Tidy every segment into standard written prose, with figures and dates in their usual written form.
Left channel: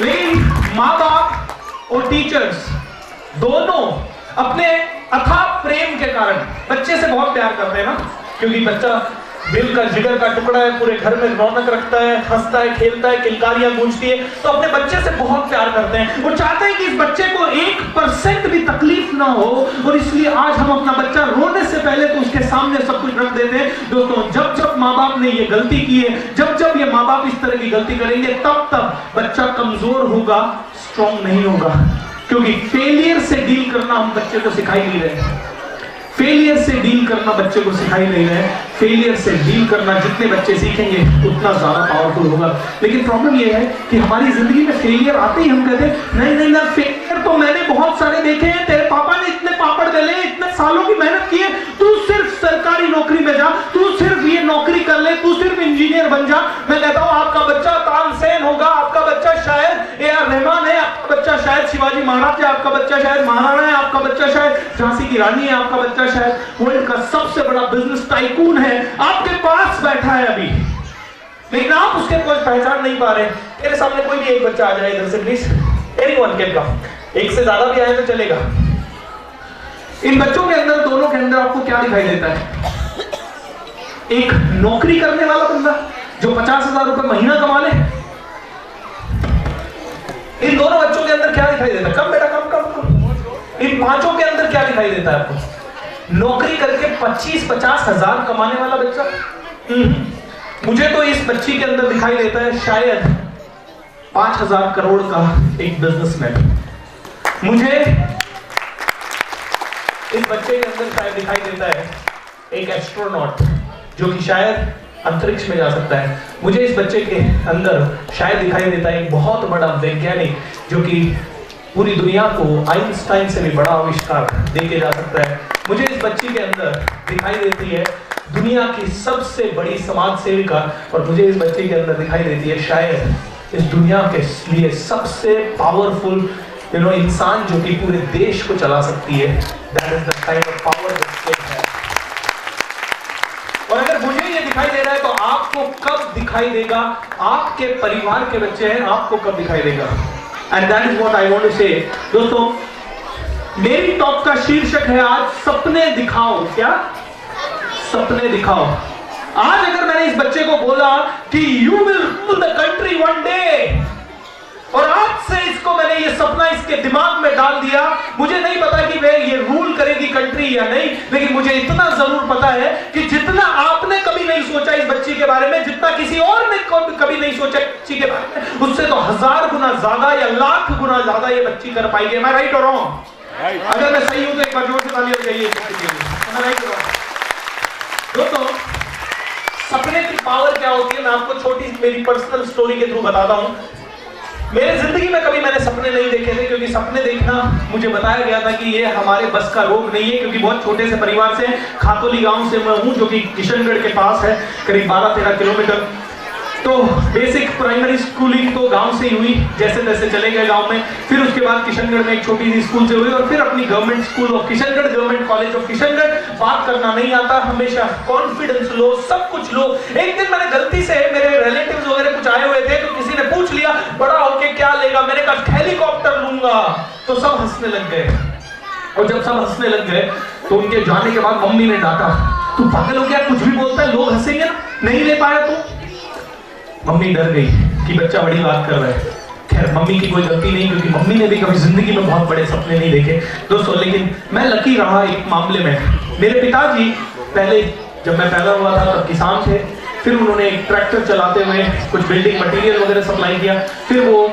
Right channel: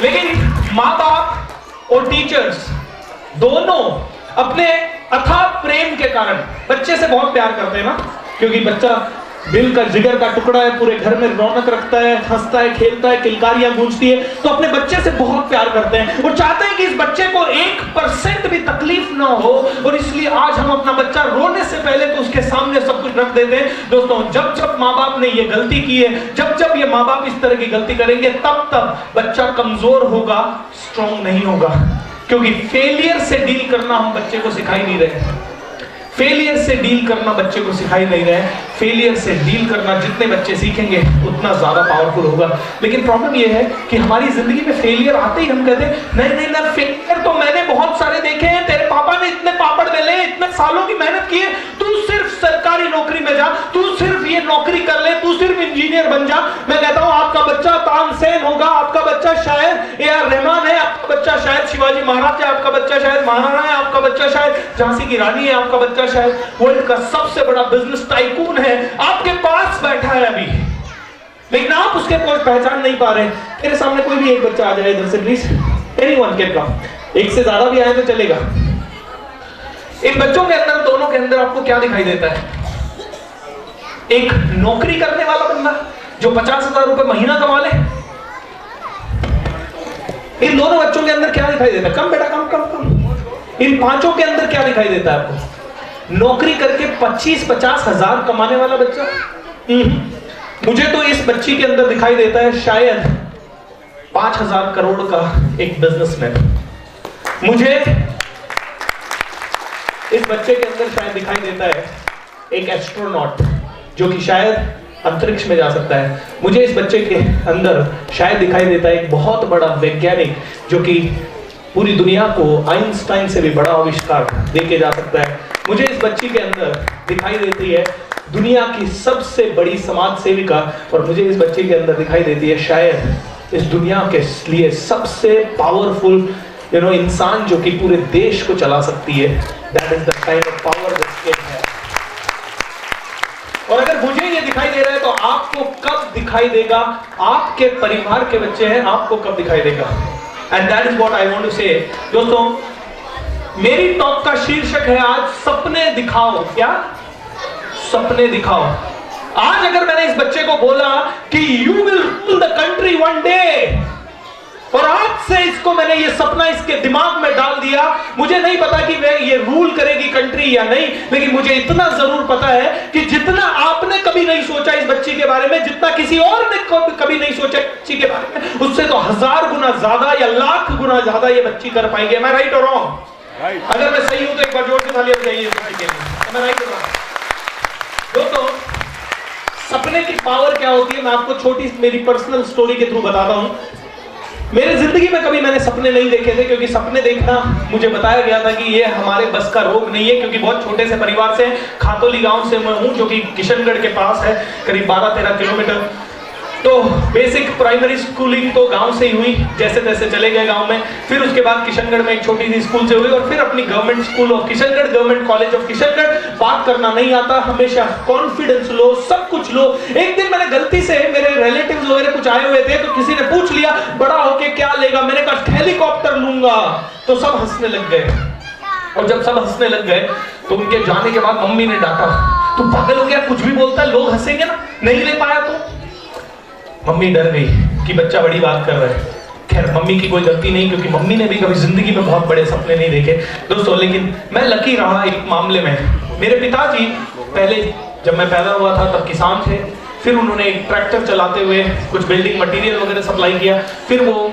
लेकिन माँ बाप और टीचर्स दोनों अपने अथाह प्रेम के कारण बच्चे से बहुत प्यार करते हैं ना, क्योंकि बच्चा दिल का जिगर का टुकड़ा है, पूरे घर में रौनक रखता है, हंसता है, खेलता है, किलकारियां गूंजती है, तो अपने बच्चे से बहुत प्यार करते हैं और चाहते हैं कि इस बच्चे को 1% भी तकलीफ ना हो। और इसलिए आज हम अपना बच्चा रोने से पहले तो उसके सामने सब कुछ रख देते हैं। दोस्तों, जब जब माँ बाप ने ये गलती की है, जब जब ये माँ बाप इस तरह की गलती करेंगे, तब तब बच्चा कमजोर होगा, स्ट्रॉन्ग नहीं होगा। क्योंकि फेलियर से डील करना हम बच्चे को सिखाई नहीं रहे। फेलियर से डील करना बच्चे को सिखाई नहीं रहे। फेलियर से डील करना जितने बच्चे सीखेंगे उतना ज्यादा पावरफुल होगा। लेकिन प्रॉब्लम यह है कि हमारी जिंदगी में फेलियर आते ही हम कहते हैं नहीं नहीं ना, फेलियर तो मैंने बहुत सारे देखे हैं, तेरे पापा ने इतने पापड़ बेले, इतने सालों की मेहनत की है, तू सिर्फ सरकारी नौकरी में जा, तू सिर्फ ये नौकरी कर ले, तू सिर्फ इंजीनियर बन जा। मैं कहता हूं आपका बच्चा तानसेन होगा, आपका बच्चा शायद ए.आर. रहमान है, आपका बच्चा शायद शिवाजी महाराज है, आपका बच्चा शायद महाराणा है, आपका बच्चा शायद झांसी की रानी है, आपका बच्चा शायद वर्ल्ड का सबसे बड़ा बिजनेस टाइकून है, आपके पास बैठा है अभी, लेकिन आप उसके कोई पहचान नहीं पा रहे। मेरे सामने कोई भी एक बच्चा आ जाए इधर से प्लीज, एनीवन कैन कम, एक से ज्यादा भी आए तो चलेगा। इन बच्चों के अंदर, दोनों के अंदर आपको क्या दिखाई देता है? एक नौकरी करने वाला बंदा जो 50,000 रुपए महीना कमा ले। इन दोनों बच्चों के अंदर क्या दिखाई देता है? कम बेटा कम कम कम। इन पांचों के अंदर क्या दिखाई देता है आपको? नौकरी करके 25-50 हजार कमाने वाला बच्चा। मुझे तो इस बच्ची के अंदर दिखाई देता है शायद 5,000 करोड़ का एक बिजनेसमैन। मुझे इस बच्चे के अंदर शायद दिखाई देता है एक एस्ट्रोनॉट जो कि शायद अंतरिक्ष में जा सकता है। मुझे इस बच्चे के अंदर शायद दिखाई देता है एक बहुत बड़ा वैज्ञानिक जो कि पूरी दुनिया को आइंस्टाइन से भी बड़ा आविष्कार देके जा सकता है। मुझे इस बच्ची के अंदर दिखाई देती है दुनिया की सबसे बड़ी समाज सेविका, और मुझे इस बच्चे के अंदर दिखाई देती है शायद इस दुनिया के लिए सबसे पावरफुल इंसान जो कि पूरे देश को चला सकती है। That is the kind of power this kid है। और अगर मुझे ये दिखाई दे रहा है तो आपको कब दिखाई देगा? आपके परिवार के बच्चे हैं, आपको कब दिखाई देगा? And that is what I want to say. दोस्तों, मेरी टॉक का शीर्षक है आज सपने दिखाओ। क्या? सपने दिखाओ। आज अगर मैंने इस बच्चे को बोला कि you will rule the country one day, और आज से इसको मैंने ये सपना इसके दिमाग में डाल दिया, मुझे नहीं पता कि वह ये रूल करेगी कंट्री या नहीं, लेकिन मुझे इतना जरूर पता है कि जितना आपने कभी नहीं सोचा इस बच्ची के बारे में, जितना किसी और ने कभी नहीं सोचा बच्ची के बारे में, उससे तो 1000 गुना ज्यादा या लाख गुना ज्यादा ये बच्ची कर पाएगी। मैं राइट और रॉन्ग? अगर मैं सही हूं तो एक बार जोर से तालियां बजाइए। मैं राइट और रॉन्ग? दोस्तों, सपने की पावर क्या होती है मैं आपको छोटी मेरी पर्सनल स्टोरी के थ्रू बताता हूं। मेरे जिंदगी में कभी मैंने सपने नहीं देखे थे, क्योंकि सपने देखना मुझे बताया गया था कि ये हमारे बस का रोग नहीं है, क्योंकि बहुत छोटे से परिवार से, खातोली गांव से मैं हूं जो कि किशनगढ़ के पास है, करीब 12-13 किलोमीटर। तो बेसिक प्राइमरी स्कूलिंग तो गांव से ही हुई, जैसे तैसे चले गए गांव में। फिर उसके बाद किशनगढ़ में एक छोटी सी स्कूल से हुई, और फिर अपनी government school of Kishangarh, government college of Kishangarh. बात करना नहीं आता, हमेशा कॉन्फिडेंस लो, सब कुछ लो। एक दिन मैंने गलती से, मेरे रिलेटिव्स वगैरह कुछ आए हुए थे, तो किसी ने पूछ लिया बड़ा होके क्या लेगा, मैंने कहा हेलीकॉप्टर लूंगा, तो सब हंसने लग गए। और जब सब हंसने लग गए तो उनके जाने के बाद मम्मी ने डांटा, तू पागल हो गया, कुछ भी बोलता है, लोग हंसेंगे ना, नहीं ले पाया तो। मम्मी डर गई कि बच्चा बड़ी बात कर रहा है। खैर, मम्मी की कोई गलती नहीं, क्योंकि मम्मी ने भी कभी जिंदगी में बहुत बड़े सपने नहीं देखे दोस्तों। लेकिन मैं लकी रहा एक मामले में। मेरे पिताजी पहले जब मैं पैदा हुआ था तब किसान थे, फिर उन्होंने एक ट्रैक्टर चलाते हुए कुछ बिल्डिंग मटेरियल वगैरह सप्लाई किया, फिर वो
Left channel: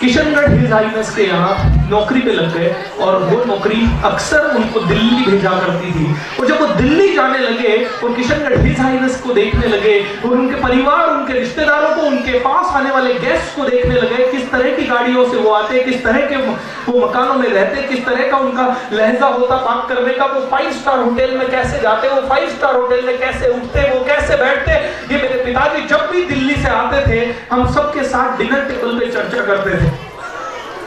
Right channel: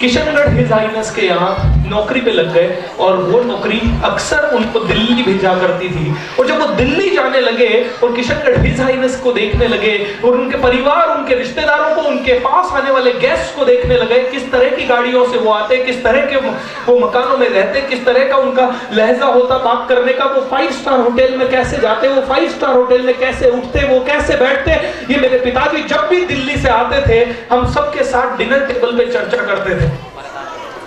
किशनगढ़ हिज हाइनेस के यहाँ नौकरी पे लग गए, और वो नौकरी अक्सर उनको दिल्ली भेजा करती थी। और जब वो दिल्ली जाने लगे और किशनगढ़ हिज हाइनेस को देखने लगे, और उनके परिवार, उनके रिश्तेदारों को, उनके पास आने वाले गेस्ट को देखने लगे, किस तरह की गाड़ियों से वो आते, किस तरह के वो मकानों में रहते, किस तरह का उनका लहजा होता बात करने का, वो 5 स्टार होटल में कैसे जाते, वो 5 स्टार होटल में कैसे उठते, वो कैसे बैठते, ये मेरे पिताजी जब भी दिल्ली से आते थे, हम सबके साथ डिनर टेबल पे चर्चा करते थे।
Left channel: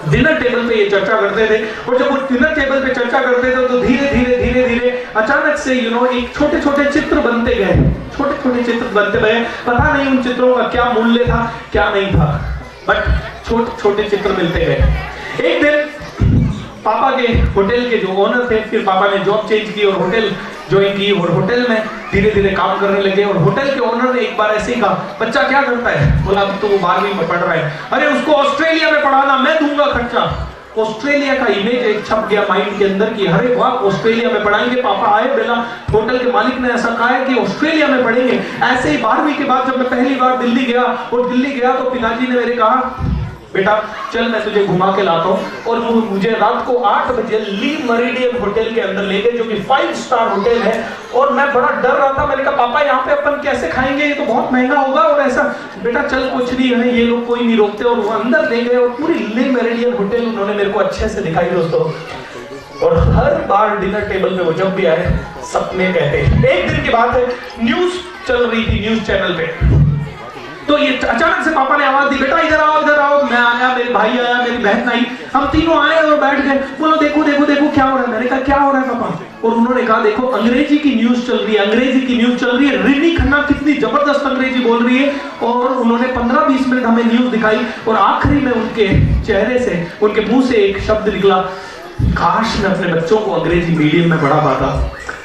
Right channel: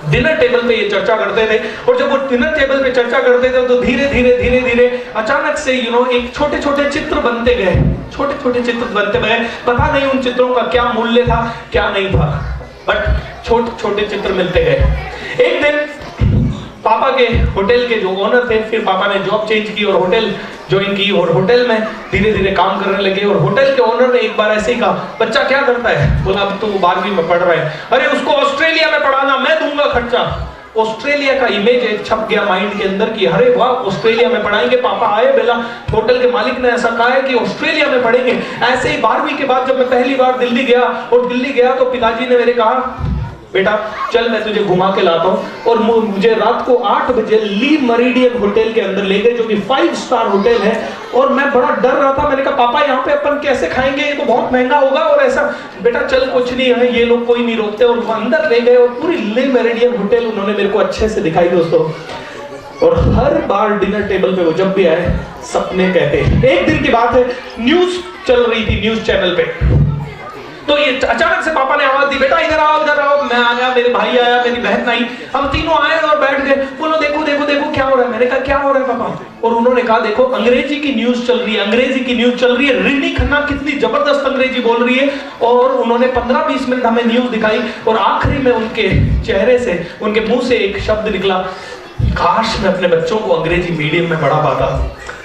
डिनर टेबल पे ये चर्चा करते थे, और जब वो डिनर टेबल पे चर्चा करते थे तो धीरे धीरे अचानक से एक छोटे छोटे चित्र बनते गए, छोटे छोटे चित्र बनते गए। पता नहीं उन चित्रों का क्या मूल्य था, क्या नहीं था, बट छोटे छोटे चित्र मिलते गए। एक दिन पापा के होटल के जो ओनर थे, फिर पापा ने जॉब चेंज की और होटल ज्वाइन की और होटल में धीरे धीरे काम करने लगे। और होटल के ओनर ने एक बार ऐसे ही कहा, बच्चा क्या करता है? बोला अभी तो वो 12वीं में पढ़ रहा है। अरे उसको ऑस्ट्रेलिया में पढ़ाना, मैं दूंगा खर्चा। ऑस्ट्रेलिया का इमेज एक छप गया माइंड के अंदर कि अरे वाह ऑस्ट्रेलिया में पढ़ाएंगे। पापा आए बेला, होटल के मालिक ने ऐसा कहा है कि ऑस्ट्रेलिया में पढ़ेंगे। ऐसे ही 12वीं के बाद जब मैं पहली बार दिल्ली गया और दिल्ली गया तो पिताजी ने मेरे कहा, बेटा चल मैं तुझे घुमा के लाता हूँ। और मुझे रात को 8 बजे ली मेरिडियन होटल के अंदर ले गए, जो कि 5 स्टार होटल है। और मैं बड़ा डर रहा था, मैंने कहा पापा यहाँ पे अपन कैसे खाएंगे, ये तो बहुत महंगा होगा और ऐसा। बेटा चल कुछ नहीं है, ये लोग कोई नहीं रोकते। और वो अंदर ले गए और पूरी ली मेरिडियन होटल उन्होंने मेरे को अच्छे से दिखाई दोस्तों। और हर बार डिनर टेबल पे वो जब भी आए सपने कहते। एक दिन की बात है, न्यूज चल रही थी न्यूज चैनल पे, तो ये अचानक से पापा ने आवाज दी, बेटा इधर आओ इधर आओ। मैं आया, मेरे भाई आया, मेरी बहन आई, हम तीनों आए और बैठ गए। बोलो देखो देखो देखो क्या हो रहा है। मैंने कहा क्या हो रहा है पापा? और उन्होंने कहा देखो अंग्रेजी की न्यूज चल रही है, अंग्रेजी की न्यूज चल रही है। रिनी खन्ना कितनी जबरदस्त अंग्रेजी बोल रही है। और उन्होंने 15-20 मिनट हमें न्यूज दिखाई और आखिरी में उनके चेहरे से, उनके मुंह से एक शब्द निकला, काश मैं अपने बच्चों को अंग्रेजी मीडियम में पढ़ा पाता।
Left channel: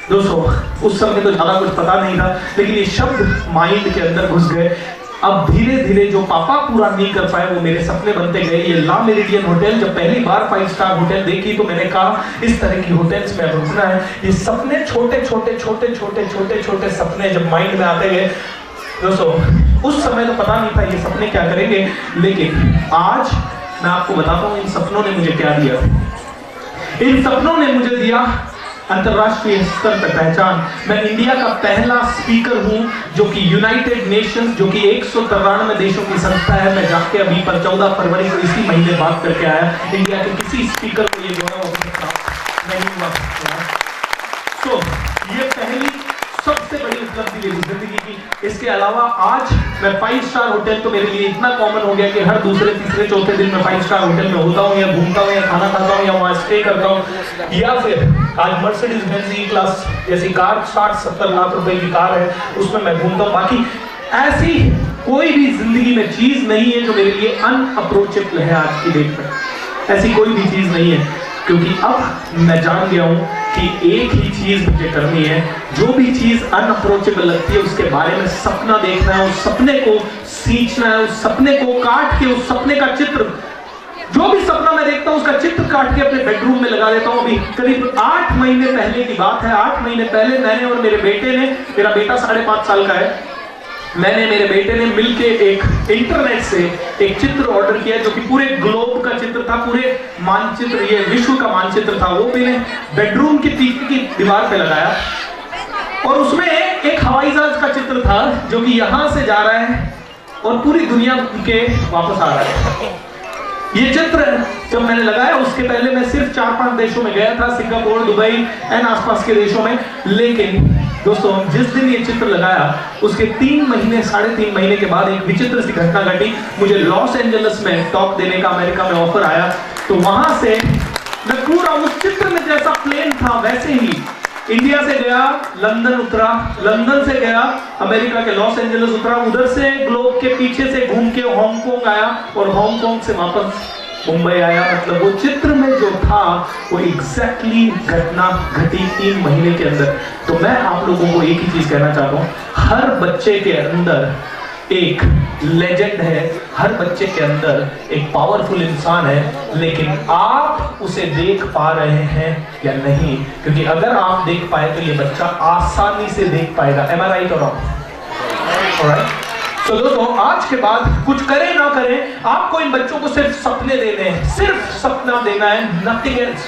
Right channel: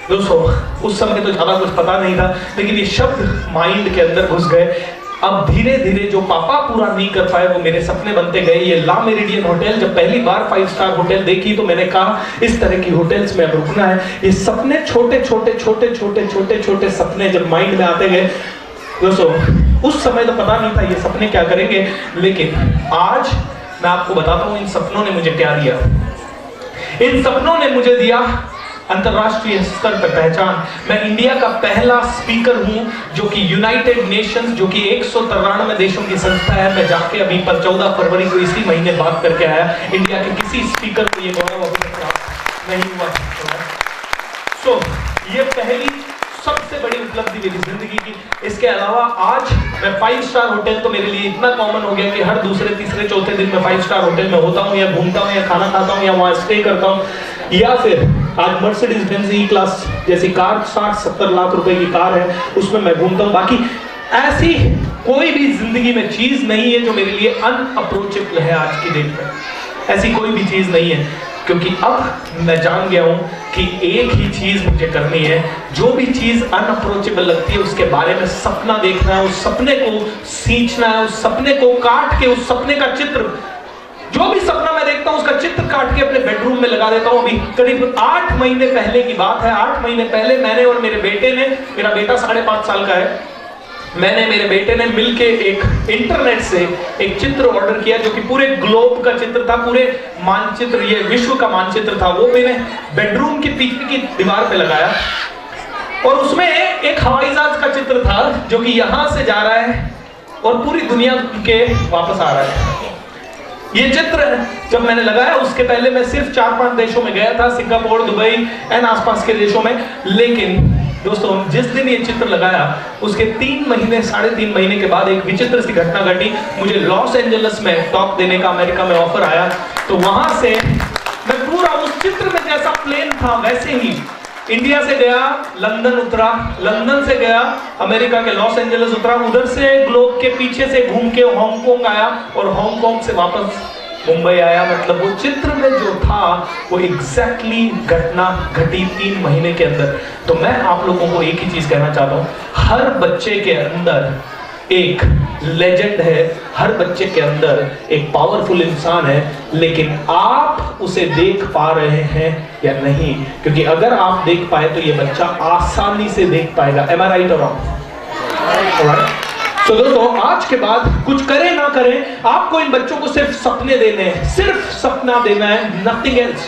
दोस्तों उस समय तो ज्यादा कुछ पता नहीं था, लेकिन ये शब्द माइंड के अंदर घुस गए। अब धीरे धीरे जो पापा पूरा नहीं कर पाए वो मेरे सपने बनते गए। ये ला मेरिडियन होटल, जब पहली बार 5 स्टार होटल देखी तो मैंने कहा इस तरह की होटल्स में रुकना है। ये सपने छोटे छोटे छोटे छोटे छोटे छोटे सपने जब माइंड में आते गए दोस्तों, उस समय तो पता नहीं था ये सपने क्या करेंगे, लेकिन आज मैं आपको बताता हूँ इन सपनों ने मुझे क्या दिया। इन सपनों ने मुझे दिया अंतरराष्ट्रीय स्तर पर पहचान। मैं इंडिया का पहला स्पीकर हूं जो कि यूनाइटेड नेशंस, जो कि 193 देशों की संस्था है, मैं जाके अभी पर 14 फरवरी को इसी महीने बात करके आया। इंडिया के किसी स्पीकर को ये गौरव अभी तक प्राप्त नहीं हुआ। तो ये पहली सबसे बड़ी उपलब्धि मेरी जिंदगी की। इसके अलावा आज मैं 5 स्टार होटल तो मेरे लिए इतना कॉमन हो गया कि हर दूसरे तीसरे चौथे दिन मैं 5 स्टार होटल में होता हूँ या घूमता हूँ या खाना खाता हूँ या वहाँ स्टे करता हूँ। या फिर आज मर्सिडीज बेंज ई क्लास जैसी कार 60-70 लाख रुपए की कार है, उसमें मैं घूमता हूँ। बाकी ऐसी कोई भी जिंदगी में चीज नहीं है जो मेरे लिए अनअप्रोचेबल है आज की डेट में। ऐसी कोई भी चीज नहीं है, क्योंकि अब मैं जान गया हूं कि एक ही चीज मुझे करनी है। जो भी चीज अनअप्रोचेबल लगती है उसके बारे में सपना देखना है, उस सपने को सींचना है, उस सपने को काट के उस सपने का चित्र, जो भी सपना मैं देखता हूं उसका चित्र काट के अपने बेडरूम में लगा देता हूं। अभी करीब 8 महीने पहले की बात है। 8 महीने पहले मैंने और मेरे बेटे ने, मेरा बेटा 5.5 साल का है, मैंने मेरे बेटे ने मिलके एक इंटरनेट से एक चित्र ऑर्डर किया जो कि पूरे ग्लोब का चित्र था, पूरे मानचित्र, ये विश्व का मानचित्र था। वो मैंने बेडरूम की पीछे की दीवार पे लगाया और उसमें एक हवाई जहाज का चित्र था जो कि यहां से जा रहा है और पूरी दुनिया के वापस आ रहा है। ये चित्र जब मैंने लगाया, उसके पहले मैं सिर्फ 4-5 देशों में गया था, सिंगापुर, दुबई एंड आसपास के देशों में। लेकिन दोस्तों जिस दिन ये चित्र लगाया उसके 3 महीने 3.5 महीने के बाद एक विचित्र सी घटना घटी। मुझे लॉस एंजलिस में टॉक देने का अमेरिका में ऑफर आया, तो वहां से मैं पूरा उस चित्र में जैसा प्लेन था वैसे ही इंडिया से गया, लंदन उतरा, लंदन से गया अमेरिका के लॉस एंजलिस उतरा, उधर से ग्लोब के पीछे से घूम के हांगकांग आया और हांगकांग से वापस मुंबई आया। मतलब वो चित्र में जो था वो एग्जैक्टली घटना घटी 3 महीने के अंदर। तो मैं आप लोगों को एक ही चीज कहना चाहता हूँ, हर बच्चे के अंदर एक लेजेंड है, हर बच्चे के अंदर एक पावरफुल इंसान है, लेकिन आप उसे देख पा रहे हैं या नहीं? क्योंकि अगर आप देख पाए तो ये बच्चा आसानी से देख पाएगा। Am I right or wrong? Alright? तो दोस्तों आज के बाद कुछ करें ना करें, आपको इन बच्चों को सिर्फ सपने देने हैं, सिर्फ सपना देना है, नथिंग एल्स।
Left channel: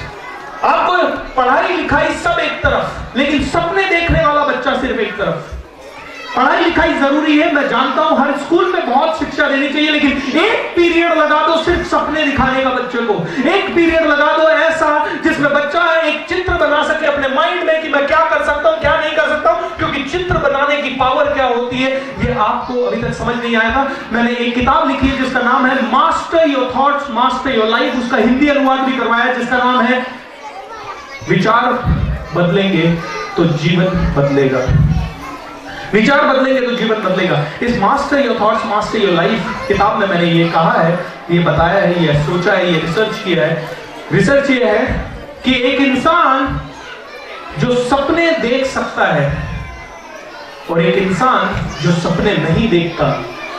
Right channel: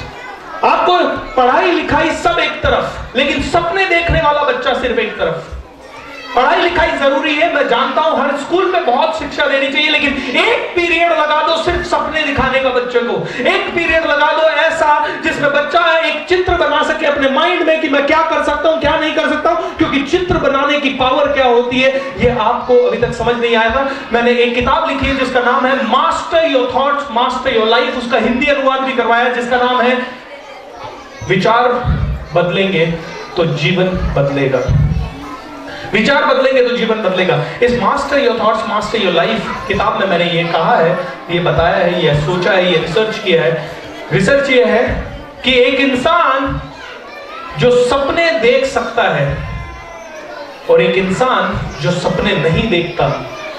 आपको पढ़ाई लिखाई सब एक तरफ, लेकिन सपने देखने वाला बच्चा सिर्फ एक तरफ। पढ़ाई लिखाई जरूरी है, मैं जानता हूं हर स्कूल में बहुत शिक्षा देनी चाहिए, लेकिन एक पीरियड लगा दो सिर्फ सपने दिखाने का बच्चे को। एक पीरियड लगा दो ऐसा जिसमें बच्चा एक चित्र बना सके अपने माइंड में कि मैं क्या कर सकता हूं, क्या नहीं कर सकता हूं, क्योंकि चित्र बनाने की पावर क्या होती है ये आपको अभी तक समझ नहीं आया था। मैंने एक किताब लिखी है जिसका नाम है master your thoughts master your life, उसका हिंदी अनुवाद भी करवाया जिसका नाम है विचार बदलेंगे तो जीवन बदलेगा। विचार बदलेंगे तो जीवन बदलेगा। इस master your thoughts master your life किताब में मैंने ये कहा है, ये बताया है, ये सोचा है, ये रिसर्च किया है। रिसर्च ये है कि एक इंसान जो सपने देख सकता है और एक इंसान जो सपने नहीं देखता,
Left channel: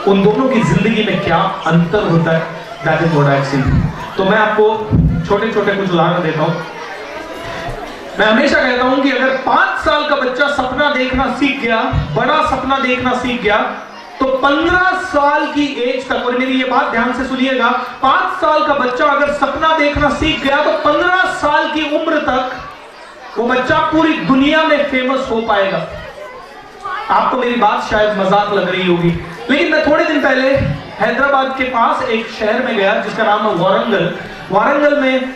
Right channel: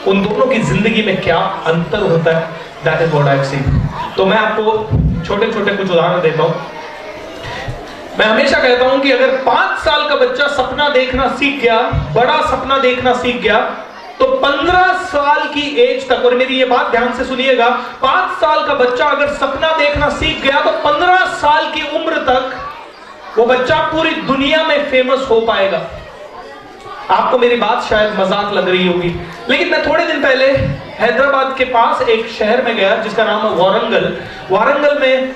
उन दोनों की जिंदगी में क्या अंतर होता है, that is what I have seen. तो मैं आपको छोटे छोटे कुछ उदाहरण देता हूं। मैं हमेशा कहता हूं कि अगर 5 साल का बच्चा सपना देखना सीख गया, बड़ा सपना देखना सीख गया, तो 15 साल की एज तक, और मेरी ये बात ध्यान से सुनिएगा, 5 साल का बच्चा अगर सपना देखना सीख गया तो 15 साल की उम्र तक वो बच्चा पूरी दुनिया में फेमस हो पाएगा। आपको मेरी बात शायद मजाक लग रही होगी, लेकिन मैं थोड़े दिन पहले हैदराबाद के पास एक शहर में गया जिसका नाम है वारंगल। वारंगल में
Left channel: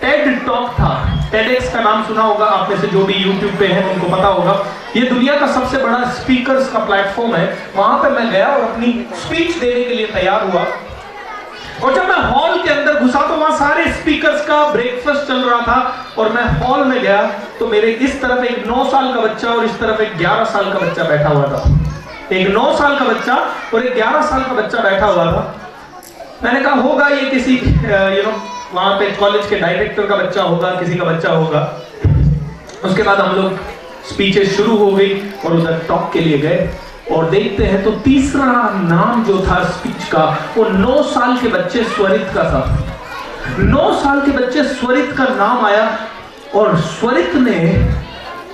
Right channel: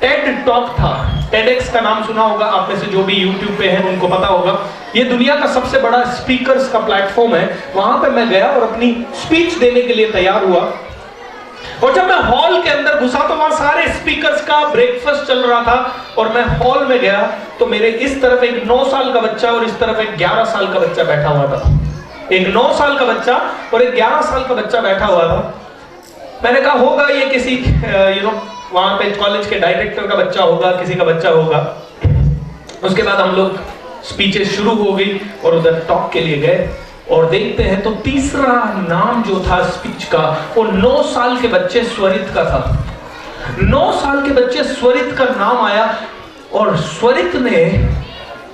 टेड टॉक था। टेडएक्स का नाम सुना होगा आप में से, जो भी यूट्यूब पे है उनको पता होगा। ये दुनिया का सबसे बड़ा स्पीकर्स का प्लेटफॉर्म है। वहां पे मैं गया और अपनी स्पीच देने के लिए तैयार हुआ, और जब मैं हॉल के अंदर घुसा तो वहां सारे स्पीकर्स का ब्रेकफास्ट चल रहा था, और मैं हॉल में गया तो मेरे इस तरफ एक 9 साल का बच्चा और इस तरफ एक 11 साल का बच्चा बैठा हुआ था। एक 9 साल का बच्चा और एक 11 साल का बच्चा बैठा हुआ था। मैंने कहा होगा ये किसी वहां पे कॉलेज के डायरेक्टर का बच्चा होगा, किसी का बच्चा होगा। उसके बाद हम लोग स्पीचेस शुरू हो गई और उधर टॉक के लिए गए, और देखते हैं तो तीसरा नाम जो था स्पीच का, वो 9 साल के बच्चे स्वरित का था। 9 साल के बच्चे स्वरित का नाम आया, और स्वरित ने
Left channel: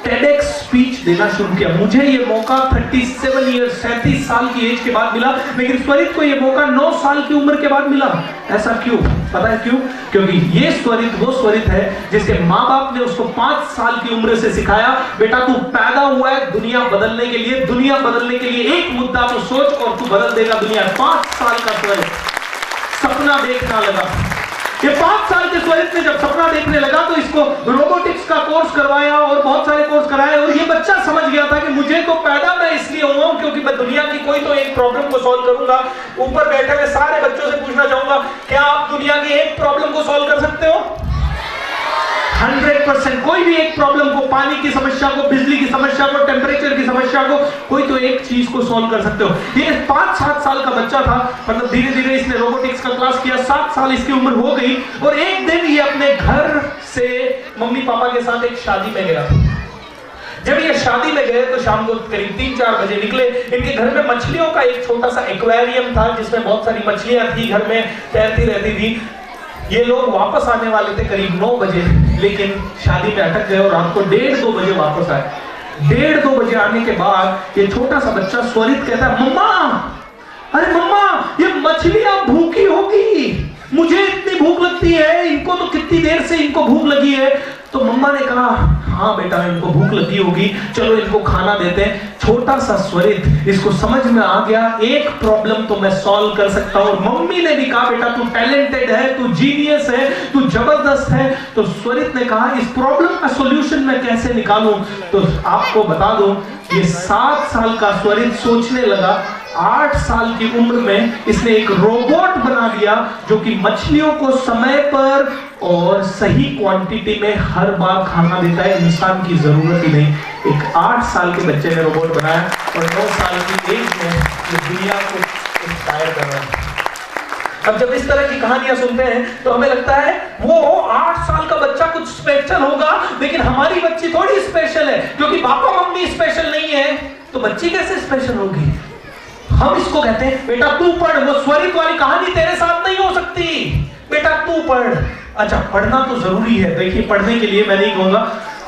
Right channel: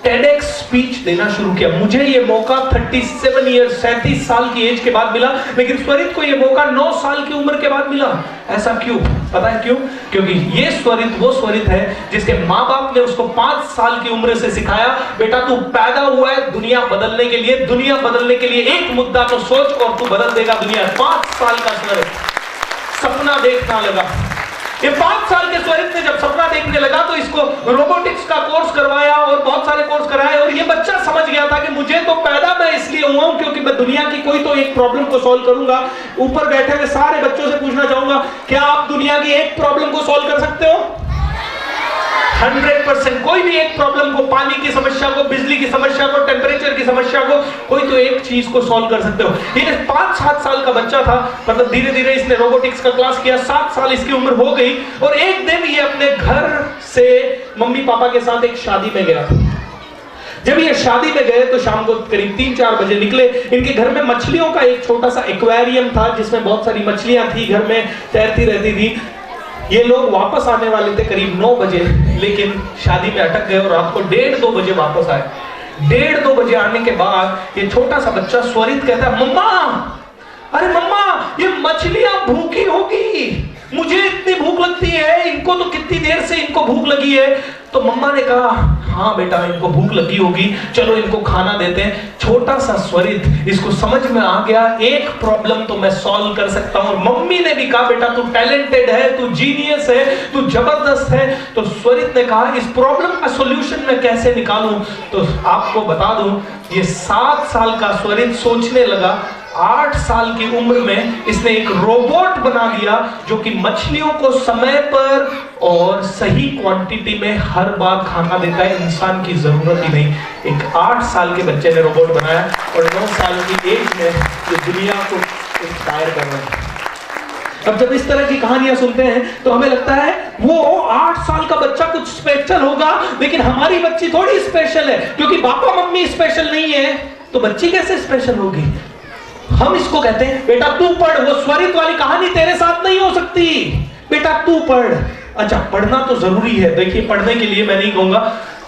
टेडएक्स स्पीच देना शुरू किया। मुझे ये मौका 37 ईयर्स 37 साल की एज के बाद मिला, लेकिन स्वरित को ये मौका 9 साल की उम्र के बाद मिला। ऐसा क्यों? पता है क्यों? क्योंकि ये स्वरित वो स्वरित है जिसके माँ बाप ने उसको 5 साल की उम्र से सिखाया, बेटा तू पैदा हुआ है दुनिया बदलने के लिए, दुनिया बदलने के लिए एक मुद्दा तो सोच और तू बदल देगा दुनिया। 5 साल का स्वरित सपना देखना लगा। ये 5 साल के स्वरित ने जब सपना देखने लगा तो इसको रोबोटिक्स का कोर्स करवाया और बहुत सारे कोर्स कराए, और ये बच्चा समझ गया था कि मुझे तो पैदा मैं इसलिए हुआ हूं क्योंकि मैं दुनिया की कोई तो एक प्रॉब्लम को सॉल्व करूंगा। ऊपर बैठे हुए सारे बच्चों से पूछना चाहूंगा, क्या आप दुनिया की एक प्रॉब्लम को सॉल्व कर सकते हो? 100%। कोई भी एक प्रॉब्लम को, पानी की समस्या को, बिजली की समस्या को, टेम्परेचर की समस्या को, कोई तो एक चीज को सॉल्व कर सकते हो। ये 5-7 साल का बच्चा था, मतलब धीरे धीरे इसने रोबोटिक्स का क्लास किया। 7 साल इसकी उम्र हो गई, और एक दिन ये अपने घर से मम्मी पापा के साथ एक शादी में गया। जब ये शादी में गए तो शाम को करीब 3-4 बजे निकले। इनके घर में मछलियों का एक छोटा सा एक्वेरियम था जिसमें बहुत सारी मछलियां थी, घर में तैरती रहती थी। ये लोग वापस आने वाले थे करीब 9 बजे, लेकिन शादी में अटक गए और रात को 1:30-2 बजे वापस आए। 1:30-2 बजे आने के बाद ये छोटा सा बच्चा स्वरित कहता है, मम्मा, अरे मम्मा, ये मछलियां भूखी होगी, मुझे इतनी भूख लगती है, इनको तो कितनी देर से इनको भूख लगी है। तो मम्मा ने कहा, हाँ बेटा इनको भूख लगी होगी, चलो इनको खाना देते हैं। छोटा सा स्वरित, इसको समझ में आ गया एक प्रॉब्लम तो मैं सॉल्व कर सकता हूं। मम्मी ने भी कहा, बेटा तू टैलेंटेड है, तू जीनियस है, तू जबरदस्त है। तो स्वरित ने कहा, इस प्रॉब्लम का सॉल्यूशन मैं कैसे निकालूं? तो आपको बता दूं, ये 7 साल का स्वरित सोचने लगा। 8 साल की उम्र में इसने एक रोबोट बना दिया जो कि मछलियों को समय पर और सही क्वांटिटी में हर बार खाना देता है, इंसान की जरूरत ही नहीं। एक 8 साल के बच्चे ने रोबोट बनाया, और 9 साल की एज में तो दुनिया को इंस्पायर कर रहा है। अब जब इस तरह की कहानियां सुनते हैं तो हमें लगता है वो 8 साल का बच्चा कुछ स्पेशल होगा, लेकिन हमारी बच्ची थोड़ी स्पेशल है, क्योंकि पापा मम्मी स्पेशल नहीं है तो बच्ची कैसे स्पेशल होगी? हम इसको कहते हैं, बेटा तू पढ़, वो स्वरित वाली कहानी तेरे साथ नहीं हो सकती, बेटा तू पढ़। अच्छा, पढ़ना तो जरूरी है, देखिए पढ़ने के लिए मैं नहीं कहूंगा,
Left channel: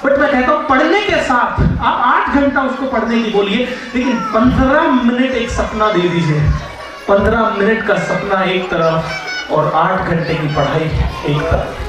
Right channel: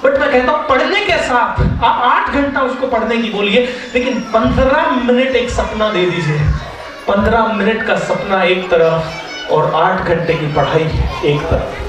बट मैं कहता हूं पढ़ने के साथ आप 8 घंटा उसको पढ़ने की बोलिए, लेकिन 15 मिनट एक सपना दे दीजिए। 15 मिनट का सपना एक तरफ और 8 घंटे की पढ़ाई एक तरफ।